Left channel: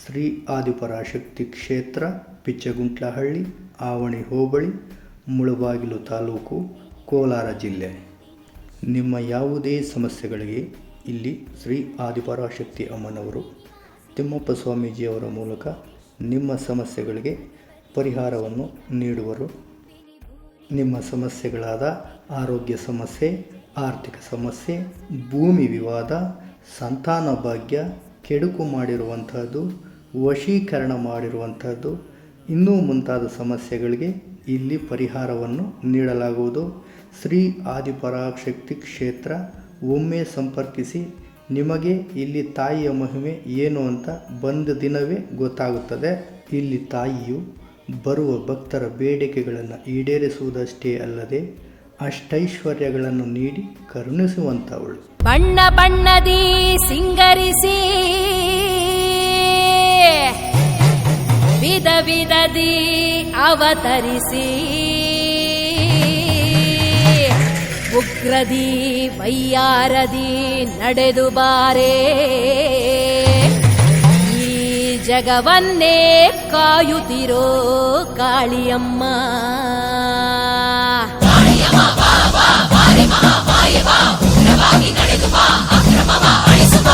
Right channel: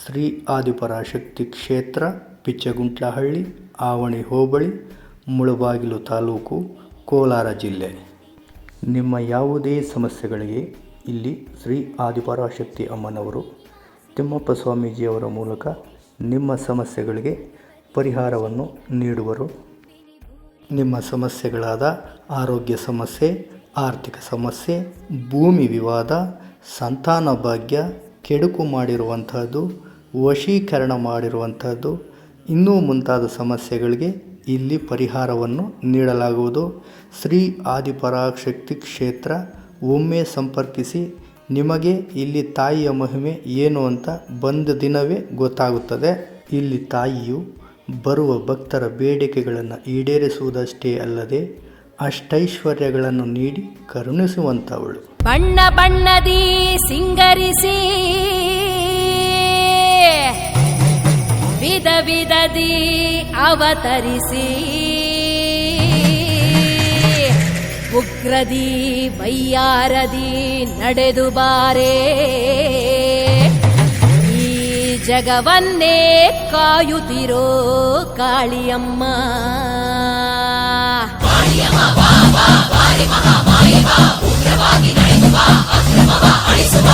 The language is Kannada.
ಶ್ರೀ ಆದಿಪರಾಶಕ್ತಿ ಕ್ಷೇತ್ರ, ಪಿಚ್ಚಗುಂಟ್ಲಹಳ್ಳಿ, ಆವಣಿ ಹೋಬಳಿ, ಮುಳಬಾಗಿಲು ತಾಲೂಕು, ಕೋಲಾರ ಜಿಲ್ಲೆ. ನಿಮ್ಮ ಯಾವುದೇ ಸಮಸ್ಯೆಗಳಿಗೆ ಇಲ್ಲಿ ಶ್ರೀ ಆದಿಪರಾಶಕ್ತಿ ಅಮ್ಮನವರು ತಿಮ್ಮಪ್ಪ ಸ್ವಾಮೀಜಿಯವರ ಮೂಲಕ ನಿಮ್ಮ ಸಮಸ್ಯೆಗಳಿಗೆ ಪರಿಹಾರವನ್ನು ನೀಡುವರು. ನಿಮ್ಮ ಸಮಸ್ಯೆಗಳಾದ ಆರೋಗ್ಯ ಸಮಸ್ಯೆ, ಆರ್ಥಿಕ ಸಮಸ್ಯೆ, ಭೂಮಿ ವಿವಾದ, ಸಂತಾನ ಭಾಗ್ಯ, ಕೆಡುಕು ಮಾಡಿರುವಂಥದ್ದು, ವಶೀಕರಣ ಮಾಡಿರುವಂಥದ್ದು, ಇನ್ನೂ ಮುಂತಾದ ಸಮಸ್ಯೆಗಳಿಗೆ ಇಲ್ಲಿ ಪರಿಹಾರವನ್ನು ನೀಡಲಾಗುವುದು. ಶ್ರೀ ಆದಿಪರಾಶಕ್ತಿ ಕ್ಷೇತ್ರ. ಒಮ್ಮೆ ಸಂಪರ್ಕಿಸಿ, ನಿಮಗೆ ಇಲ್ಲಿ ತಾಯಿಯ ಮಹಿಮೆ ಏನು ಅಂತ ಬಂದ ದಿನವೇ ಗೊತ್ತಾಗುತ್ತದೆ. ಇಲ್ಲಿ ತಾಯಿಯು ಬರುವ ಭಕ್ತರ ಬೇಡಿಕೆಗಳನ್ನು ಈಡೇರಿಸುವುದಷ್ಟೇ ಅಲ್ಲದೆ ಅಷ್ಟೈಶ್ವರ್ಯಗಳನ್ನು ನೀಡಿ ಕರುಣಿಸುವಂಥವಳು. ಬಣ್ಣ ಬಣ್ಣದಿ ಸಿಂಗರಿಸಿ ವಿಧ ವಿಧದಿ ಅವತರಿಸಿ ಉಗ್ರದಿ ವೈಯಾರದಿ ನಡೆದು ಬಾರೆ, ಈ ಜಗವನ್ನೇ ಕಾಯುತ್ತಿರೋ ಕಾಳಿಯಮ್ಮ. ಉಗ್ರವಾಗಿ ನಡೆದು ಬಾ, ಅಕ್ರಮವ ಅಳಿಸುವ.